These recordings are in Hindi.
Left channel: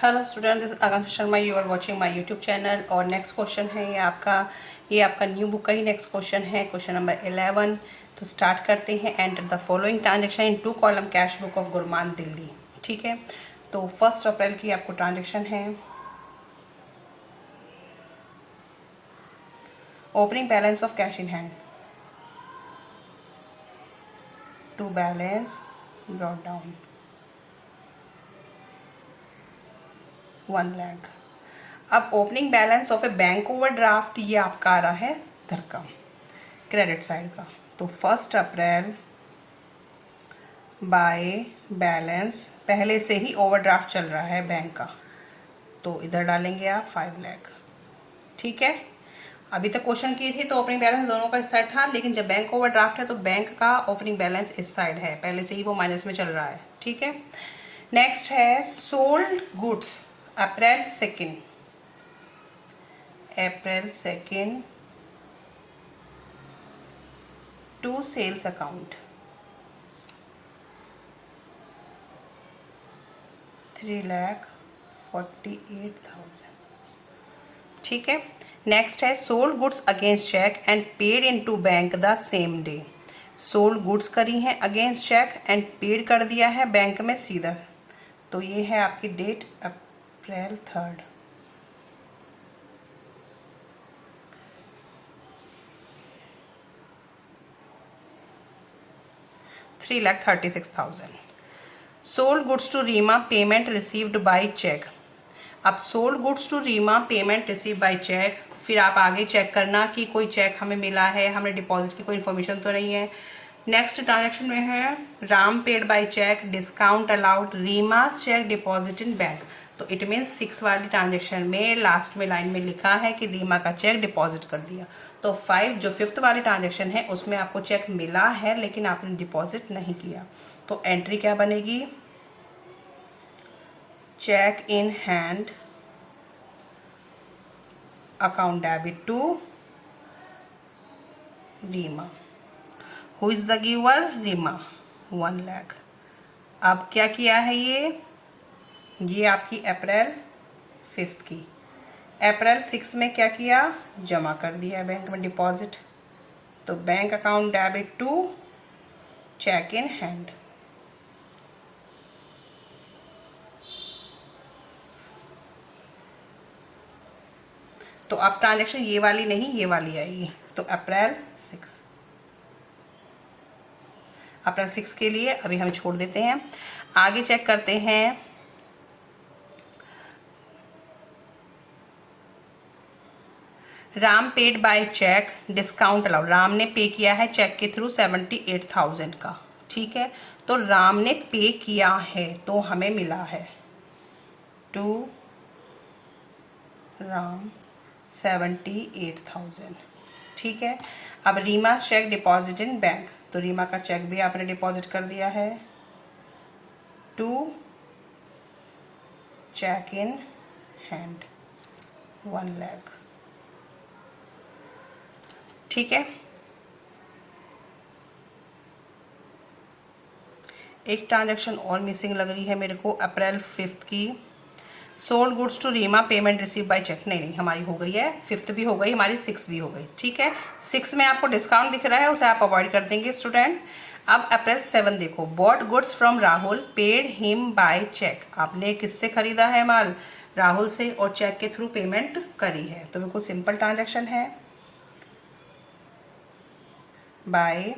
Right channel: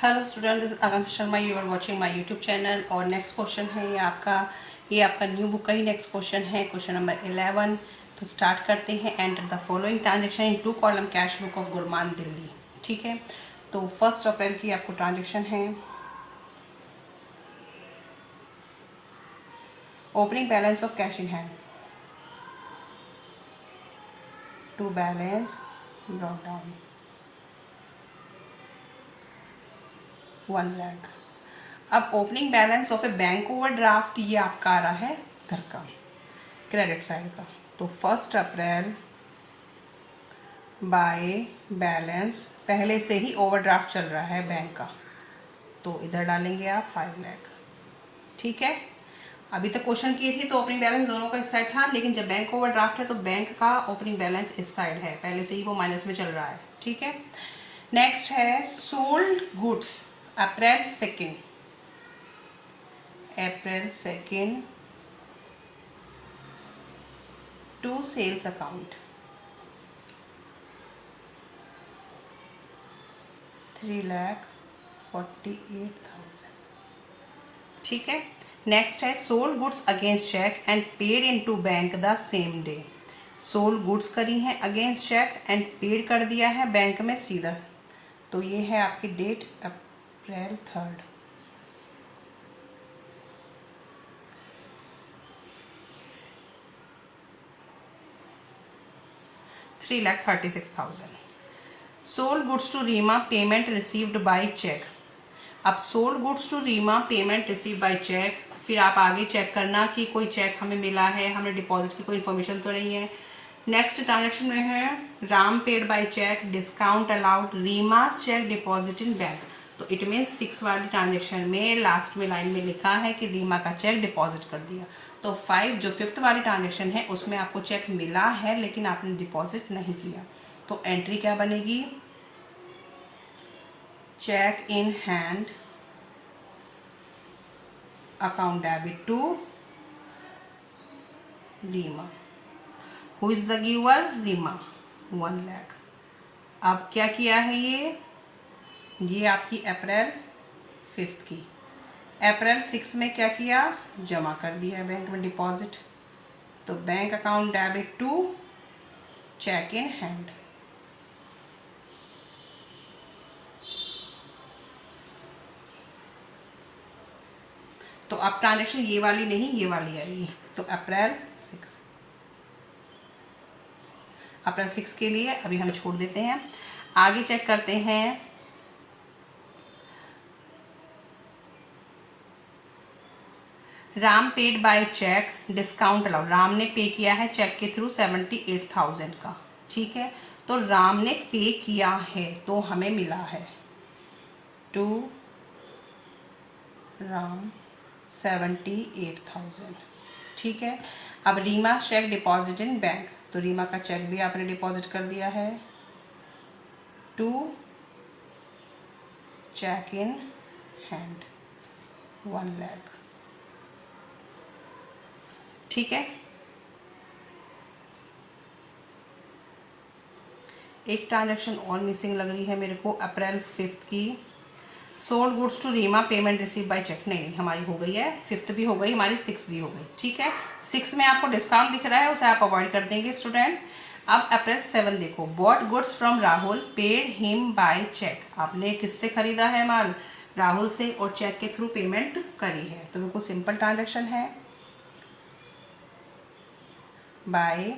Hello student, this Akanksha Sharma. You are watching my YouTube channel. और नेक्स्ट क्वेश्चन है ये आपका न्यू बुक का ही नेक्स्ट क्वेश्चन है, क्वेश्चन नंबर 11। तो स्टार्ट करते हैं। Enter the following transaction in 2 column cash book of Gurman Delhi. ठीक है, तो 1 अप्रैल की आपको ट्रांजेक्शन है। Opening balance of cash in hand to balance brought down 1 lakh. अब opening balance of a bank overdraft ये आपका आ रहा है इधर का, क्रेडिट साइड का। तो 1 अप्रैल बाय बैलेंस, पहले से ही ओवरड्राफ्ट चल रहा है बैंक का, तो इधर डालेंगे आप 5 लाख। ठीक है, अभी तक क्वेश्चन किए थे तो ओपनिंग बैलेंस दोनों का इस साइड था, लेकिन जब बैंक ओवरड्राफ्ट है तो बैंक का ओपनिंग बैलेंस इस साइड है, पहले से ही वो माइनस में चल रहा है। ठीक है, नेक्स्ट है sold goods April 2 to sales account 3,48,000। ठीक है, नेक्स्ट है sold goods against cheque and paid into bank the same day. Sold goods करी हैं अगेंस्ट चेक एंड पेड कर दिया है बैंक में सीधा। तो ये है आपकी date April 3। 3,36,000। Sold goods to Reema payment received by cheque. अब sold goods to Reema payment receive by cheque, फिर आप आगे चेक करना कि कोई चेक हमें मिला है, हमने डिपॉजिट की कोई इन्फॉर्मेशन तो नहीं है। नेक्स्ट ट्रांजेक्शन में है Ram paid by cheque, discount allowed, Reema cheque deposit in bank. तो इट मीन्स 6 वाली ट्रांजेक्शन में लास्ट में लाइन में लिखा है कि रीमा का चेक डिपॉजिट कर दिया। तो 5 जो 5th वाली ट्रांजेक्शन है उसमें आपको चेक मिला है लेकिन आपने डिपॉजिट नहीं किया। तो एंट्री क्या बनेगी? Cheque in hand account debit to Reema. Who is the giver? Reema, 1 lakh. अब क्या किया है ये आपकी अप्रैल 5 की। अप्रैल 6 में क्या किया? जमा कर दिया बैंक में डिपॉजिट। तो bank account debit to cheque in hand. तो अब ट्रांजेक्शन ये वाली नहीं, ये वाली आएगी। तो अप्रैल 6 के लिए अभी हम छोड़ देते हैं। आगे चेक करते हैं। Ram paid by cheque, discount allowed. Ram ने पे किया है चेक के थ्रू 78,000 का। ठीक है, तो राम ने पे किया है तो हमें मिला है टू राम 78,000। ठीक है, अब Reema cheque deposit in bank, तो रीमा का चेक भी आपने डिपॉजिट कर दिया है to cheque in hand 1 lakh. ठीक है, एक ट्रांजैक्शन और मिसिंग लग रही है मेरे को अप्रैल 5 की। Sold goods to Reema payment receive by cheque. नहीं, हमारी हो गई है, 5th भी हो गई हमारी, 6 भी हो गई। ठीक है, 6 में आपको डिस्काउंट दिख रहा है, उसे आप अवॉइड कर देंगे स्टूडेंट। अब अप्रैल 7 देखो, bought goods from Rahul, paid him by cheque. आपने किससे खरीदा है माल? राहुल से, और चेक के थ्रू पेमेंट करी है। तो बिल्कुल सिंपल ट्रांजेक्शन है। बाय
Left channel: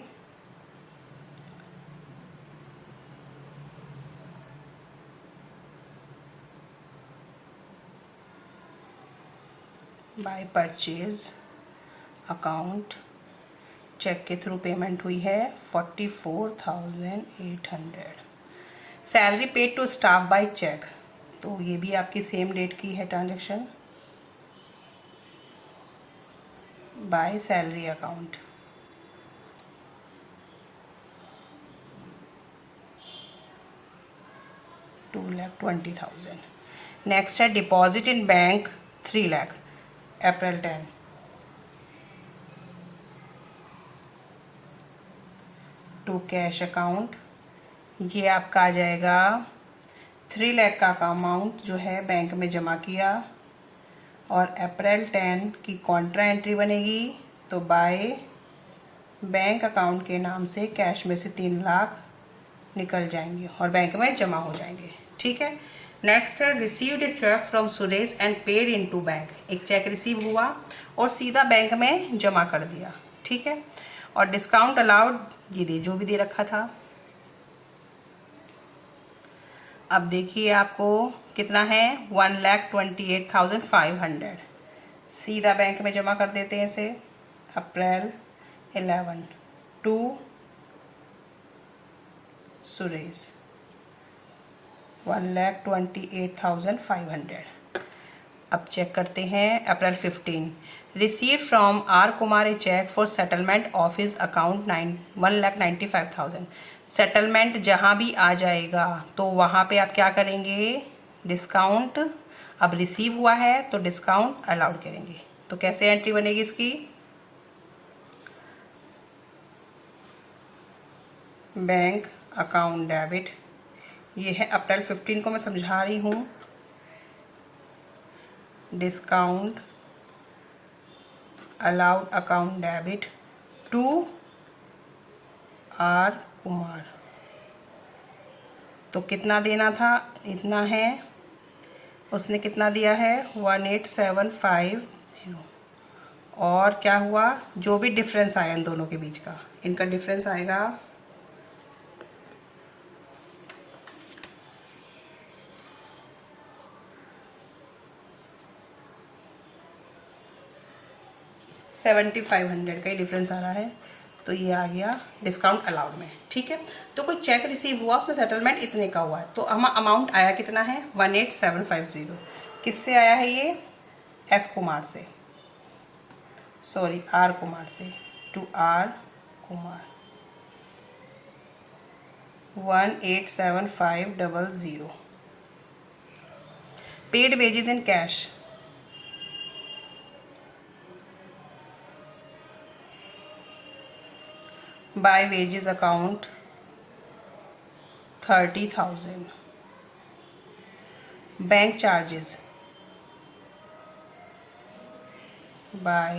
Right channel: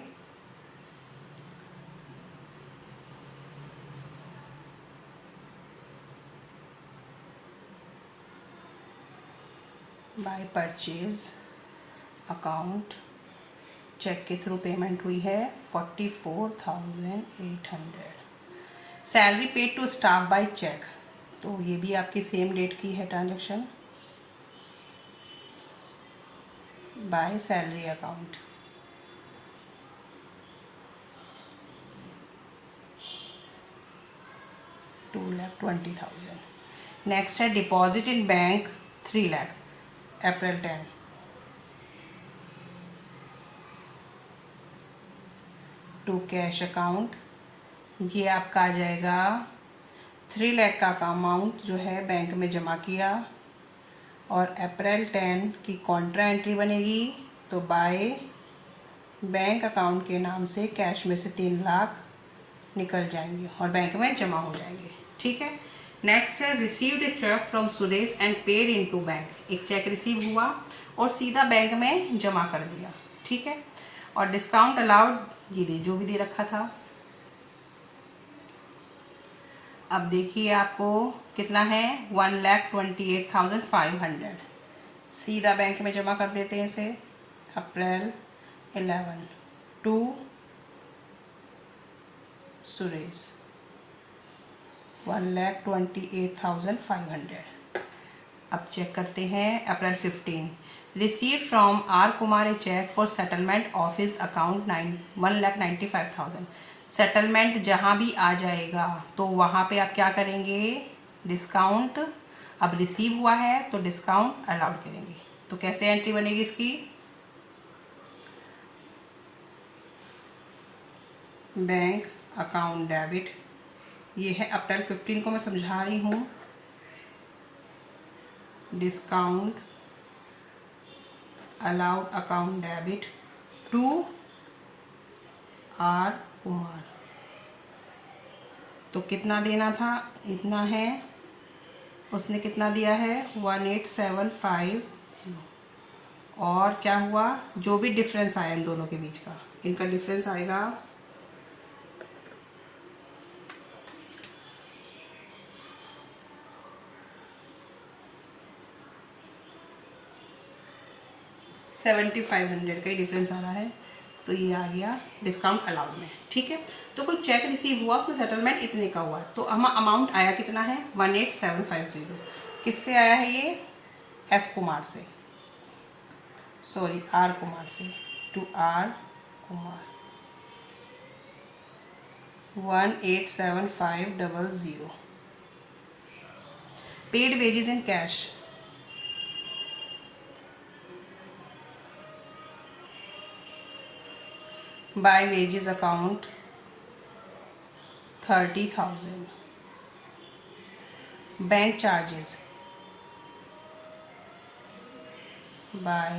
परचेज अकाउंट, चेक के थ्रू पेमेंट हुई है 44,800। Salary paid to staff by cheque, तो ये भी आपकी सेम डेट की है transaction. By salary account 2,20,000। Next है deposit in bank 3 lakh April 10। To cash account, ये आपका आ जाएगा 3 लाख का अमाउंट जो है बैंक में जमा किया और अप्रैल 10 की कॉन्ट्रा एंट्री बनेगी, तो बाय बैंक अकाउंट के नाम से कैश में से 3 लाख निकल जाएंगे और बैंक में जमा हो जाएंगे। ठीक है। नेक्स्ट है received a cheque from Suresh and paid into bank. एक चेक रिसीव हुआ और सीधा बैंक में जमा कर दिया। ठीक है। और डिस्काउंट अलाउड ये दे जो भी दे रखा था। अब देखिए आपको कितना है 1,28,500 सीधा बैंक में जमा कर देते हैं इसे। April 11 to Suresh 1,28,500। अब चेक करते हैं April 15 receive from R Kumar a cheque for settlement of his account 1,95,000। Settlement जहाँ भी आ जाएगा तो वहाँ पे आप क्या करेंगे, डिस्काउंट। अब रिसीव हुआ है तो डिस्काउंट अलाउड करेंगे। तो कैसे एंट्री बनेगी इसकी, बैंक अकाउंट डेबिट। ये है अप्रैल 15 को मैं समझा रही हूँ। Discount allowed account debit to R Kumar. तो कितना देना था, इतना है। उसने कितना दिया है 18,750। और क्या हुआ, जो भी डिफरेंस आया इन दोनों के बीच का, इनका डिफरेंस आएगा 7,500 का ही डिफरेंस आ रहा है। तो ये आ गया डिस्काउंट अलाउड में। ठीक है। तो कोई चेक रिसीव हुआ उसमें सेटलमेंट इतने का हुआ है, तो हम अमाउंट आया कितना है 18,750। किससे आया है ये, एस कुमार से, सॉरी आर कुमार से, to R Kumar 18,750। Paid wages in cash by wages account 30,000। Bank charges by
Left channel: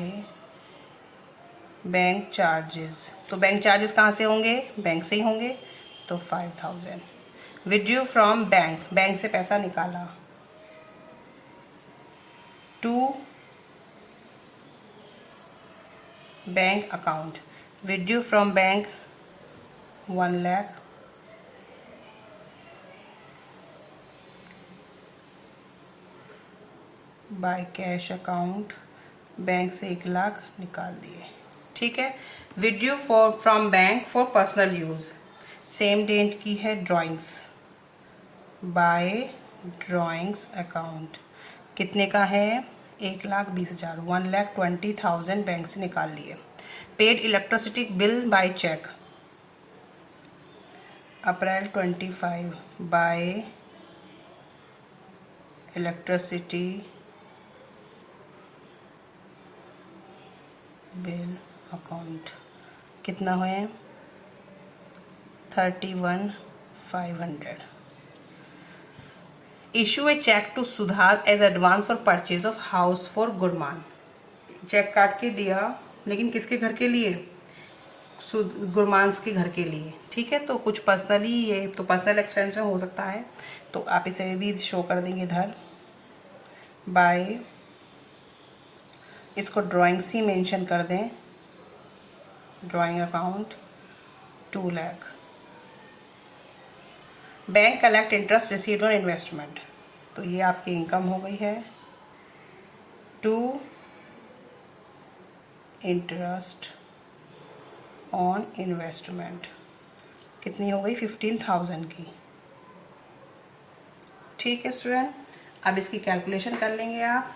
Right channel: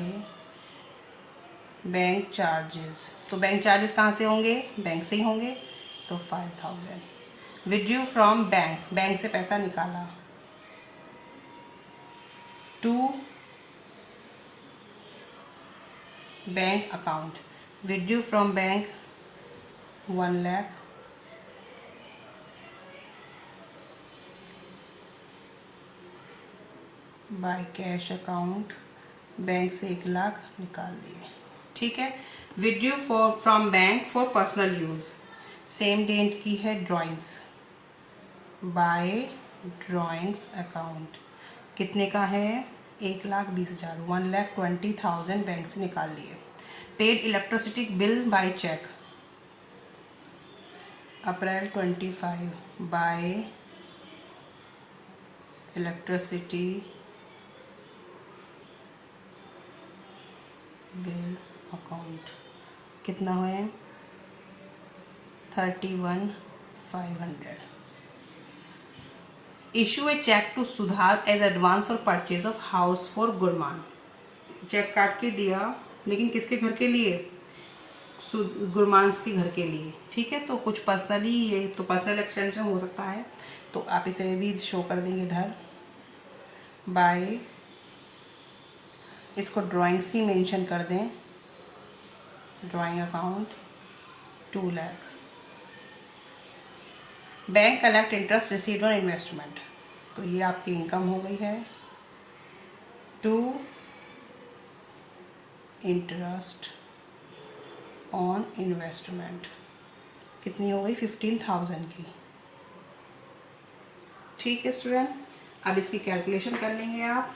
bank charges, तो बैंक चार्जेस कहाँ से होंगे, बैंक से ही होंगे, तो 5,000। विड्रू फ्रॉम बैंक, बैंक से पैसा निकाला, to bank account, withdrew from bank 1 lakh, by cash account, bank से 1 लाख निकाल दिए। ठीक है। Withdrew from bank for personal use, same date की है ड्राइंग्स, बाय ड्राइंग्स अकाउंट कितने का है 1,20,000, 1,20,000 बैंक से निकाल लिए। Paid electricity bill by cheque April 25 by electricity bill account कितना हुए 31,500। Issue a cheque to Sudhar as advance for purchase of house for Gurman. Cheque काट के दिया, लेकिन किसके घर के लिए, गुरमान्स के घर के लिए। ठीक है। तो कुछ पर्सनली, ये तो पर्सनल एक्सपेंस में हो सकता है, तो आप इसे भी शो कर देंगे इधर। बाय, इसको ड्राइंग्स ही मेंशन कर दें, drawing account 2 lakh. Bank collect interest received on investment, तो ये आपकी इनकम हो गई है, टू इंटरेस्ट ऑन इन्वेस्टमेंट कितनी हो गई 15,000 की। ठीक है स्टूडेंट, अब इसकी कैलकुलेशन कर लेंगे आप।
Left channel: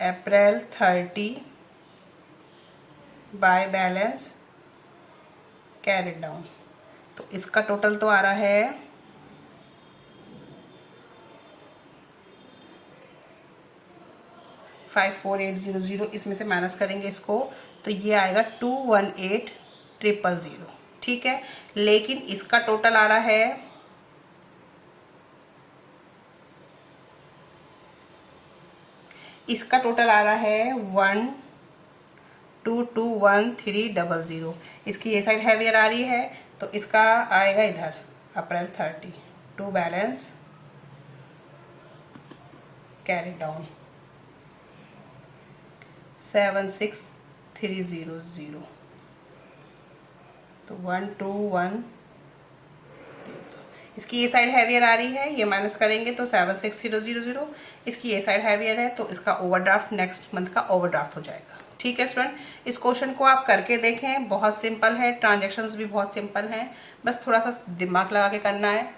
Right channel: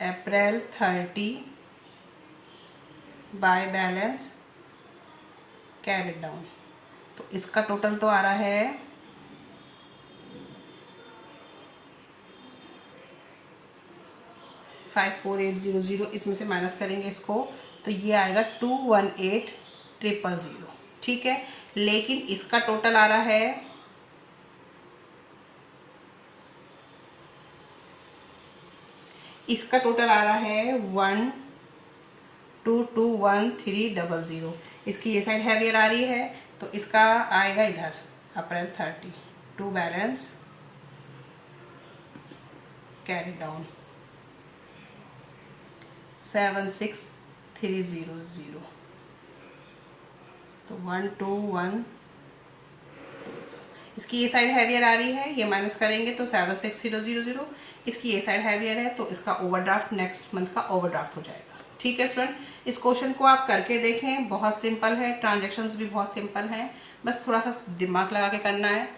अप्रैल 30 बाय बैलेंस कैरिड डाउन, तो इसका टोटल तो आ रहा है 54,800। इसमें से माइनस करेंगे इसको, तो ये आएगा 218,000। ठीक है। लेकिन इसका टोटल आ रहा है इसका टोटल आ रहा है 1221300। इसकी ये साइड हैवियर आ रही है तो इसका आएगा इधर अप्रैल 30 टू बैलेंस कैरी डाउन 76300। तो 121। इसकी ये साइड हैवियर आ रही है, ये माइनस करेंगे तो 76000। इसकी ये साइड हैवियर है तो इसका ओवरड्राफ्ट नेक्स्ट मंथ का ओवरड्राफ्ट हो जाएगा। ठीक है स्टूडेंट, इस क्वेश्चन को आप करके देखें, बहुत सिंपल है, ट्रांजैक्शंस भी बहुत सिंपल हैं, बस थोड़ा सा दिमाग लगा के करना है।